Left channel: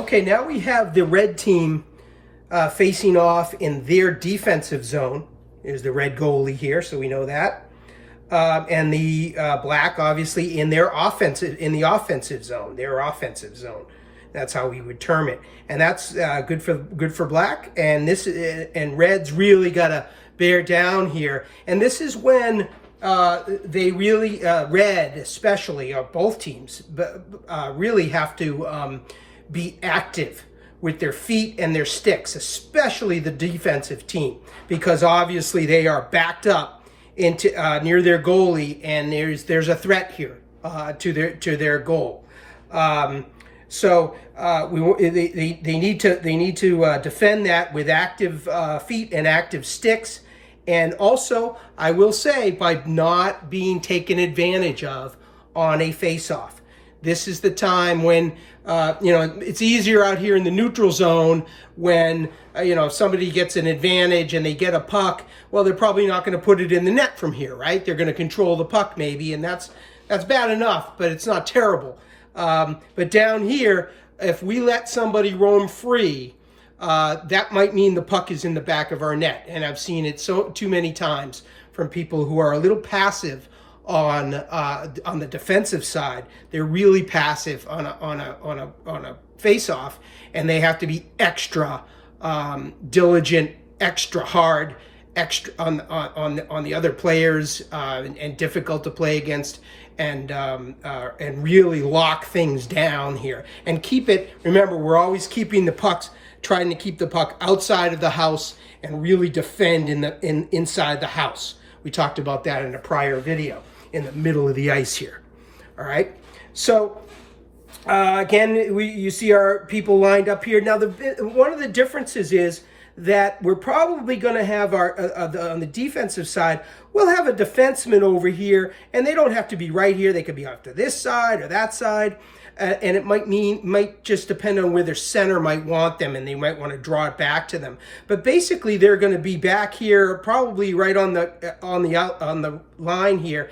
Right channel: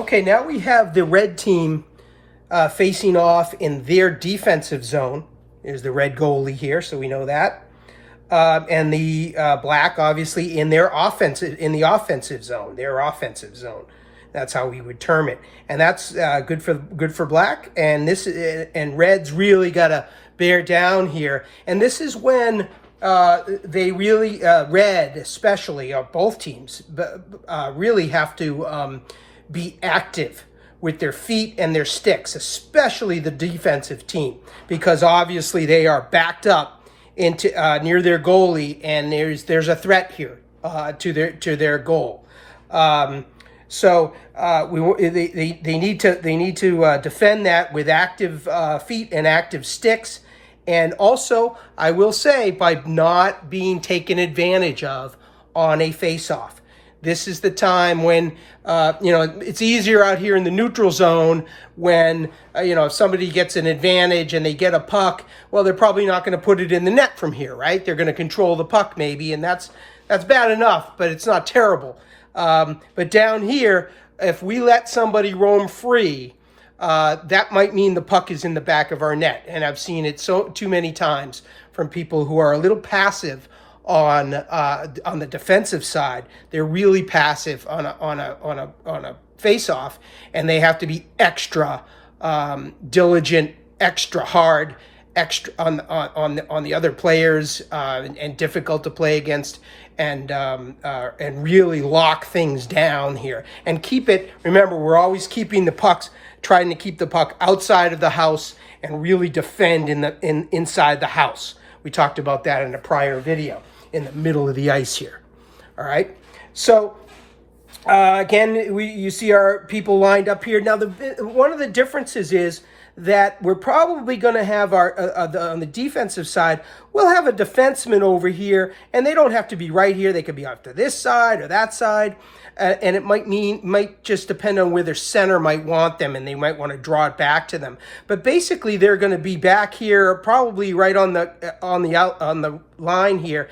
Okay, now we have the red team facing off in their defensive zone. There's the red goalie here, so we know that. And the black, obviously, in the offensive zone, their offensive zone. That's how we would term it, and that's good for black. And red's really got to bear down here. And this is when they really red, especially both teams, really have to be active with their feet and their sticks, especially the defensive team, because obviously they are backed up into near their goalie, and there's a threat here to their goal. So they need to defend that with active feet and active sticks, and also I will say by not being taken advantage of on a face-off. This is the time when it's easier out here in the neutral zone when if somebody gets an advantage and they get a puck. Well, they're probably not going to put it in the net from here, right? They're going to control the puck maybe, and that's bad enough, but it's not terrible. But down here, if we let somebody roam free, that might mean the puck is in the back of our net, and I've seen it too many times from people who are a little passive on the defensive side. They're really passive on a face-off, and they have to be extra diligent, extra hard, extra on the other players, and difficult to play against, and really lock things down here and keep it. Remember, we're always keeping the pucks, trying to keep the puck outside of the house and really defend inside the house. We talked about that in a prior video, in the middle of the ice here. All right. So again, you see our people lined up here. Now, one of the differences is that we're probably going to have on the defensive side, we'll have a defenseman over here, and they don't have to be right here. They could be off to this side or that side, and it might just depend on where their center might want them, and they might want to draw it back to them. But basically, they're going to be back here, probably right on the line here,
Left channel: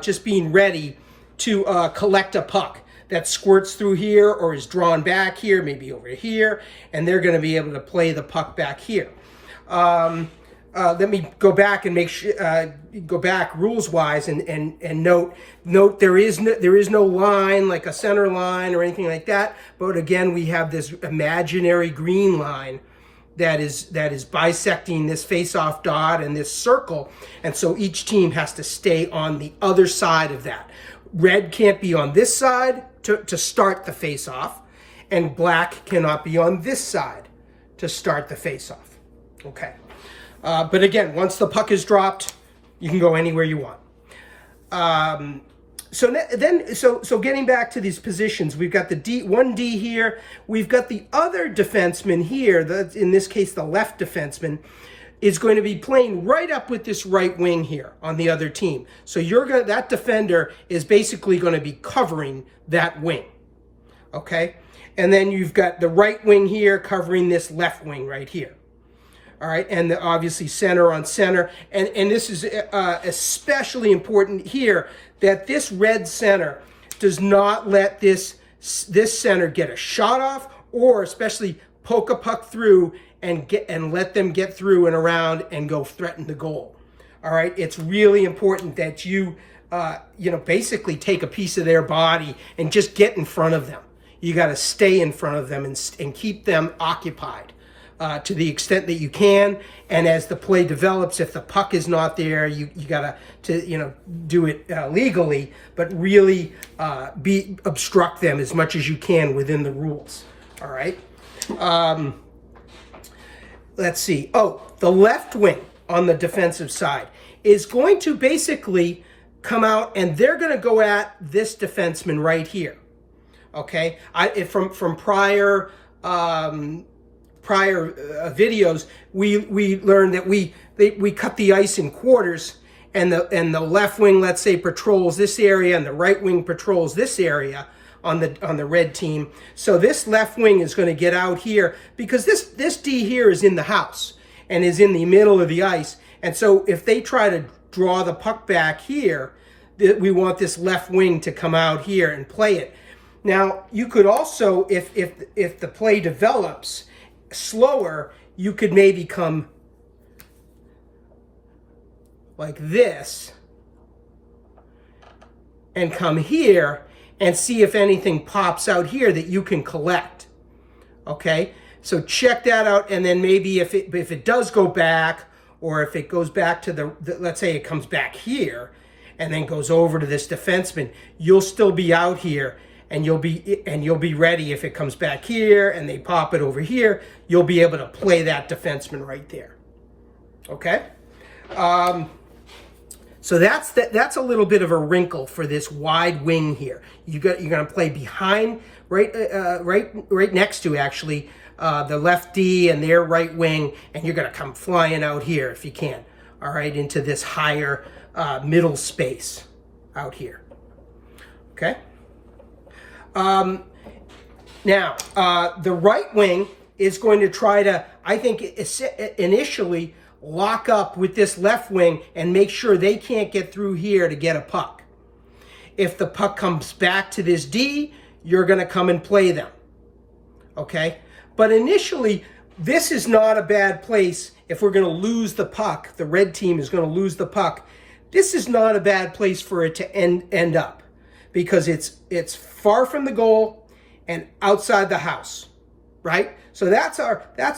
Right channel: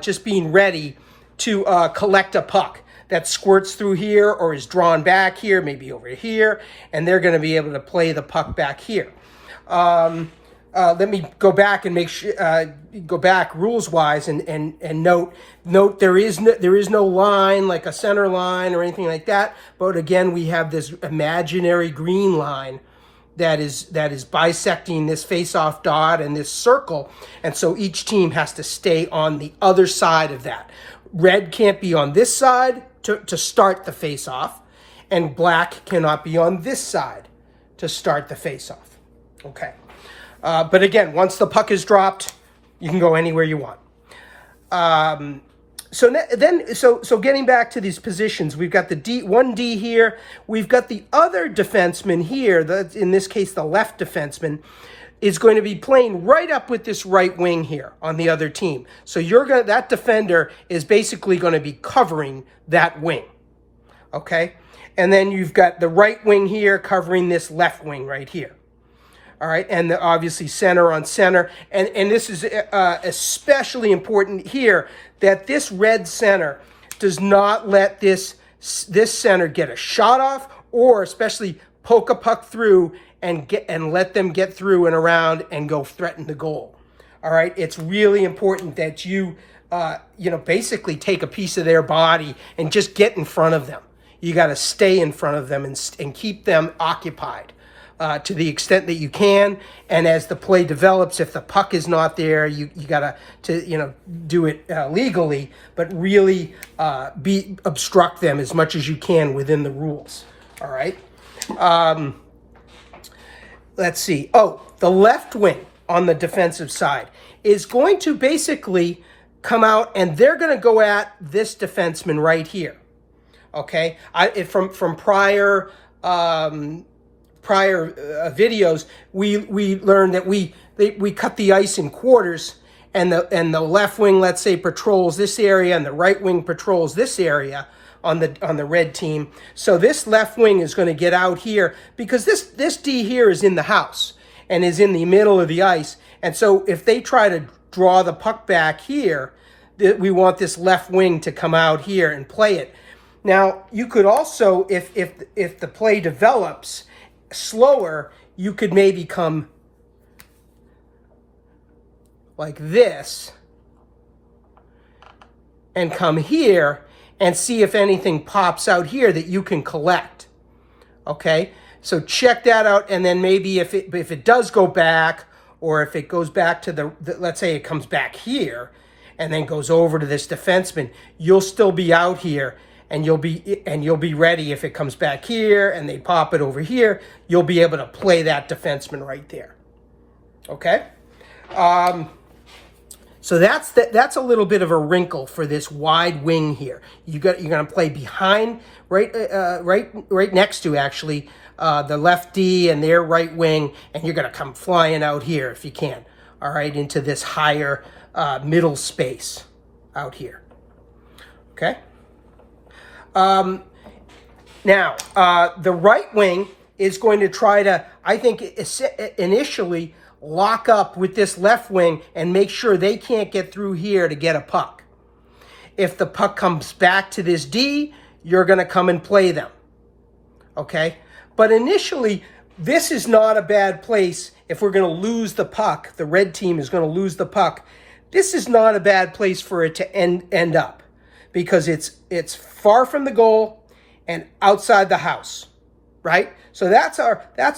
just being ready to collect a puck that squirts through here or is drawn back here, maybe over here, and they're going to be able to play the puck back here. Let me go back and go back rules-wise and note there is no line like a center line or anything like that. But again, we have this imaginary green line that is bisecting this face-off dot and this circle, and so each team has to stay on the other side of that. Red can't be on this side to start the face-off, and black cannot be on this side to start the face-off. Okay. But again, once the puck is dropped, you can go anywhere you want. So getting back to these positions, we've got the 1D here. We've got the other defenseman here. In this case, the left defenseman is going to be playing right up with this right wing here on the other team. So that defender is basically going to be covering that wing. Okay? And then you've got the right wing here covering this left wing right here. All right, and obviously center on center. And this is especially important here, that this red center does not let this center get a shot off, or especially poke a puck through and let them get through and around and go threaten the goal. All right, it's really important that you basically take a piece of their body and just get in front of them. You got to stay in front of them and keep them occupied to the extent that you can. And as the play develops, if the puck is not there, you got to do it legally, but really obstruct them as much as you can within the rules. All right. Let's see. Oh, the left wing on the defensive side is going to basically come out, and they're going to go at this defenseman right here. Okay, from prior videos, we learned that we cut the ice in quarters, and the left wing, let's say, patrols this area, and the right wing patrols this area on the red team. So this left wing is going to get out here because this D here is in the house and is in the middle of the ice. And so if they try to draw the puck back here, we want this left wing to come out here and play it. Now, you could also, if the play develops slower, you could maybe come like this and come here and see if anything pops out here that you can collect. Okay, so check that out, and then maybe if it does go back, or if it goes back to the let's say it comes back here and then goes over to this defenseman, you'll still be out here, and you'll be ready if it comes back here and they pop it over here. You'll be able to play that defenseman right there. Okay, so that's a little bit of a wrinkle for this wide wing here. You're going to play behind, right next to actually the left D and their right wing, and you're going to come flying out here if you can. All right, into this higher middle space out here. Okay. Now the right wing is going to try to, I think, initially lock up with this left wing and make sure they can't get through here to get a puck. If the puck comes back to this D, you're going to come and play them. Okay? But initially, this is not a bad place if we're going to lose the puck. The red team is going to lose the puck. This is not a bad place for it to end up, because it's far from the goal and outside the house, right? So that's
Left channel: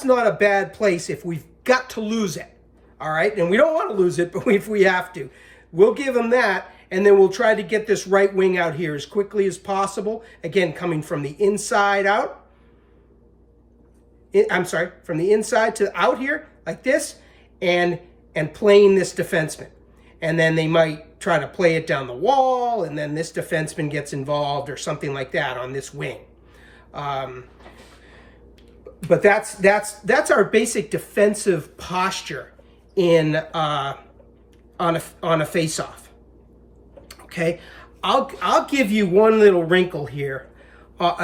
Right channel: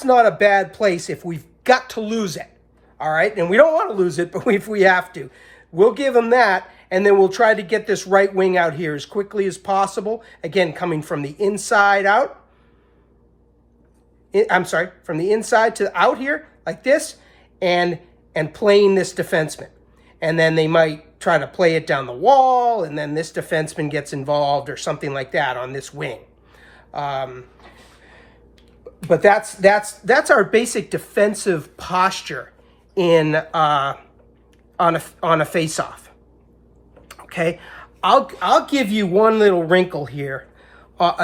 not a bad place if we've got to lose it. All right, and we don't want to lose it, but if we have to, we'll give them that, and then we'll try to get this right wing out here as quickly as possible. Again, coming from the inside out. I'm sorry, from the inside to out here, like this, and playing this defenseman. And then they might try to play it down the wall, and then this defenseman gets involved or something like that on this wing. But that's our basic defensive posture in on a face-off. Okay, I'll give you one little wrinkle here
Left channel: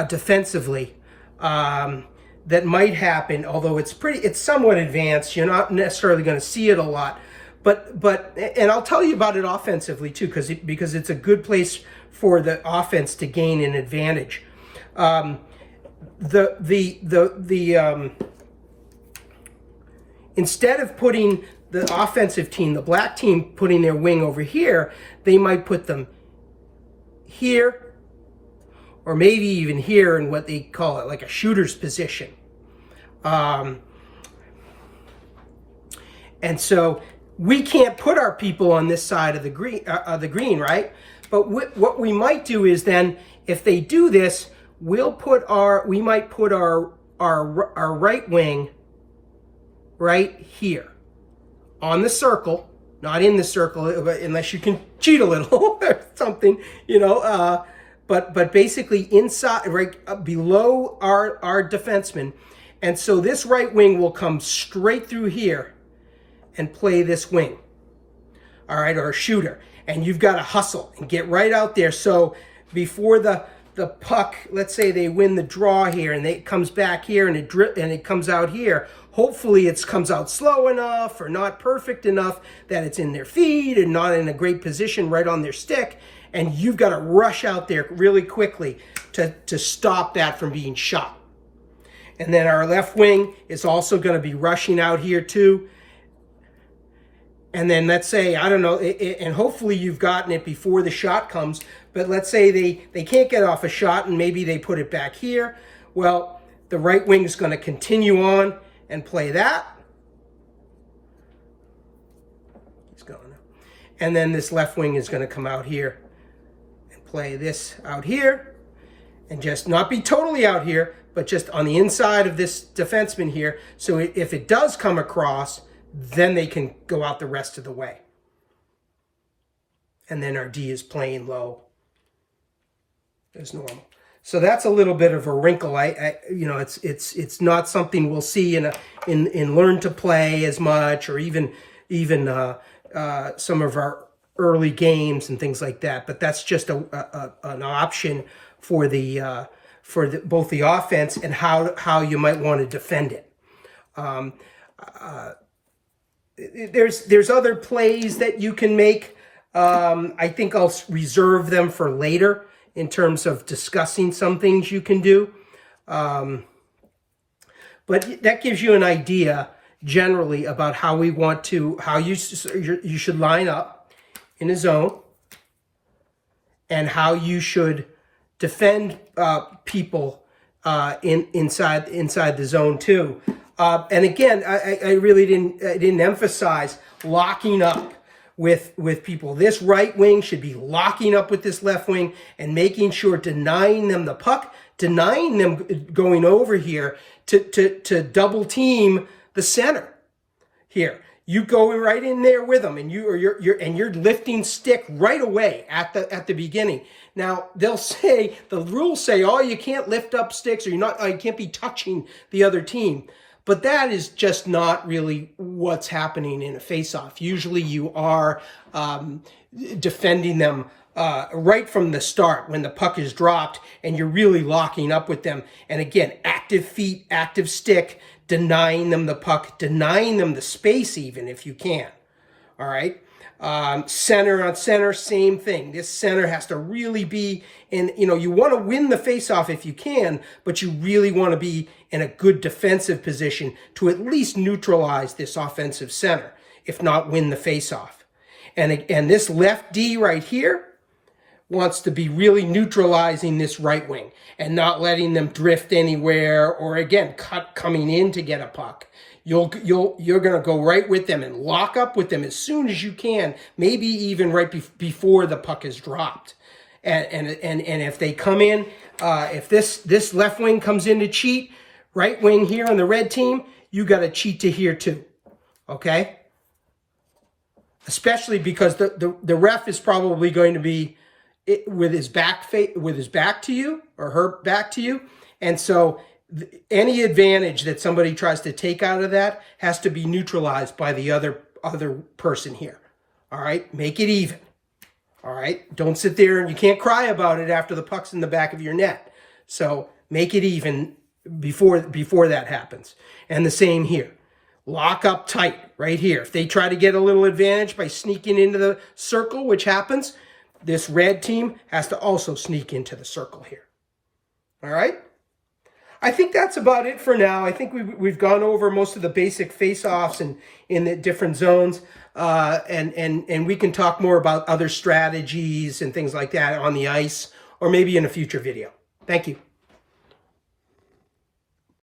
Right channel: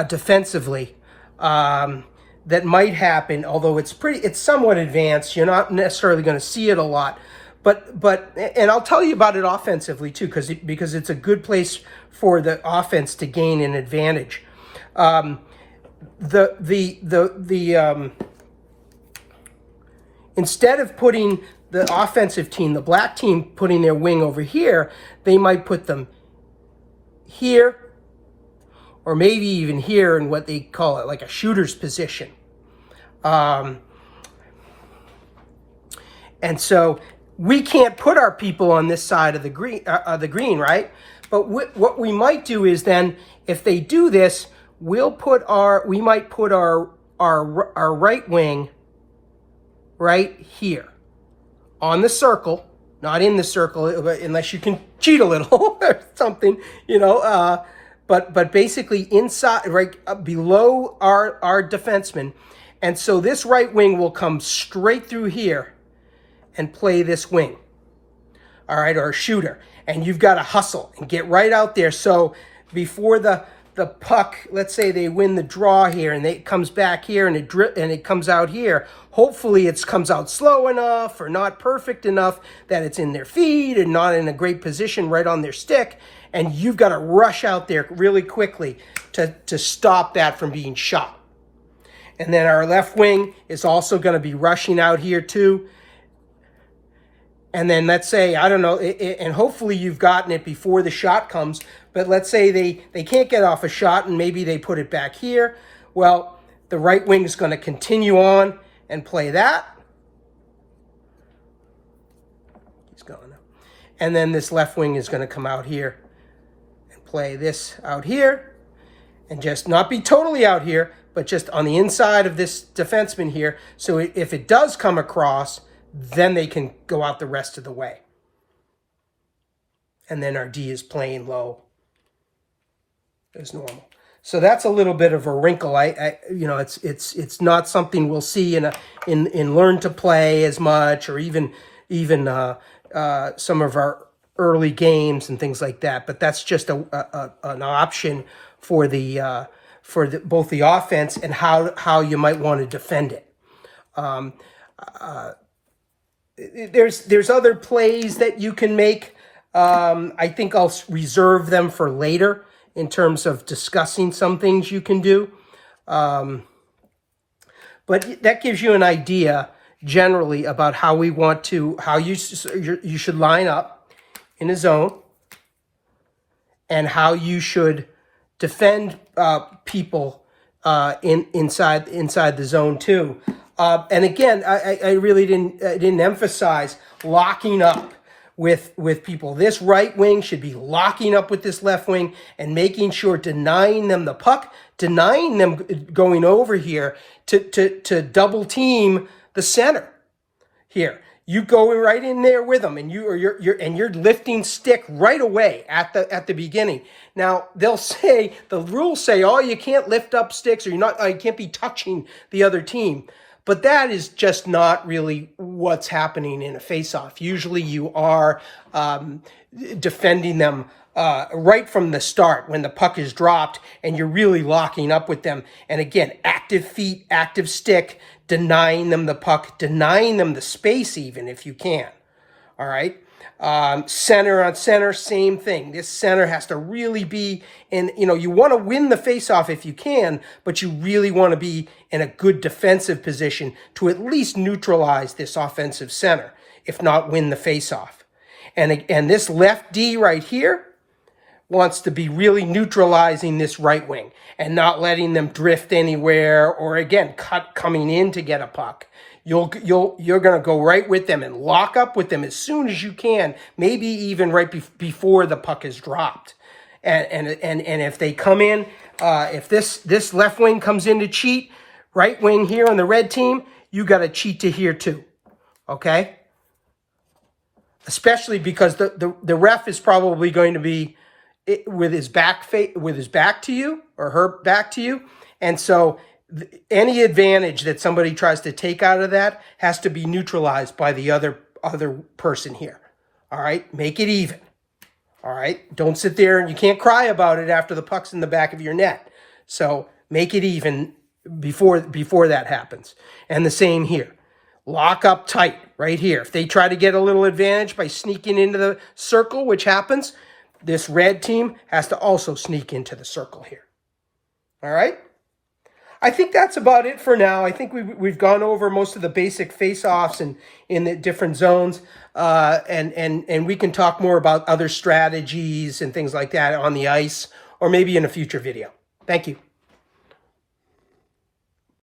defensively that might happen, although it's somewhat advanced. You're not necessarily going to see it a lot, but and I'll tell you about it offensively too, because it's a good place for the offense to gain an advantage. Instead of putting the offensive team, the black team, putting their wing over here, they might put them here, or maybe even here in what they call it, like a shooter's position. And so we can't put our people on this side of the green, right? But what we might do is then, if they do this, we might put our right wing right here on the circle, not in the circle, unless you can cheat a little or something, but basically inside, right below our defenseman. And so this right wing will come straight through here and play this wing, all right, or a shooter. And you've got to hustle and get right out there. So before the puck, let's say they win the draw here, and it comes back here, and it comes out here. Hopefully it comes out slow enough or not perfect enough that it's in their feet and not in a great position right on their stick. And you've got to rush out there really quickly to stop that from being shot. And then our left wing is also going to be rushing out here too. And then let's say, I don't know, and hopefully you've gotten it before the shot comes, but let's say they can't get off a shot and maybe they put it back here. Well, the right wing is going to continue on and play that. He's gone now. And then this left wing is going to come out here and play this out here, and just not be totally out here, but just on the inside of this defenseman here. So if it does come across, then they can go out the rest of the way. And then our D is playing low as normal. So that's a little bit of a wrinkle. It's not something we'll see in Learn to Play as much, or even some of our early games and things like that. But that's just an option for both the offense and how you might want to defend it. There's other plays that you can make. I think I'll reserve them for later in terms of discussing some things you can do. But that gives you an idea generally about how we want to, how you should line up in a zone, and how you should defend people inside the zone too. And again, I really didn't emphasize locking up with people. This right wing should be locking up with this left wing and making sure, denying them the puck, denying them going over here to double team the center here. You go right in there with them, and you're lifting stick right away at the beginning. Now they'll say, the rules say, oh, you can't lift up sticks, or you can't be touching the other team. But that is just not really what's happening in a face-off. Usually you are defending them right from the start when the puck is dropped, and you're really locking up with them. And again, active feet, active stick, denying them the puck, denying them the space even if you can. All right. Center on center, same thing. This center has to really be in, you want to win the faceoff if you can, but you really want to be in a good defensive position to at least neutralize this offensive center, if not win the faceoff. And this left D right here wants to be really neutralizing this right wing and not letting them drift anywhere, or again, coming in to get a puck. You're going to go right with them and lock up with them as soon as you can, maybe even right before the puck is dropped. And if they come in, if this left wing comes in to cheat, right wing here on the red team, you got to cheat to here too. Okay? Especially because the ref is probably going to be with his back to you, or her back to you, and so any advantage that somebody tries to take out of that has to be neutralized by the other person here. All right, make it even. All right, don't sit there and you can't cry about it after the puck's in the back of your net. So make it even before that happens. And the same here. Lock up tight right here. If they try to get a little advantage by sneaking into the circle, which happens, this red team has to also sneak into the circle here. All right? I think that's about it for now. I think we've gone over most of the basic face-offs in the different zones, and we can talk more about other strategies and things like that on the ice, or maybe in a future video. Thank you.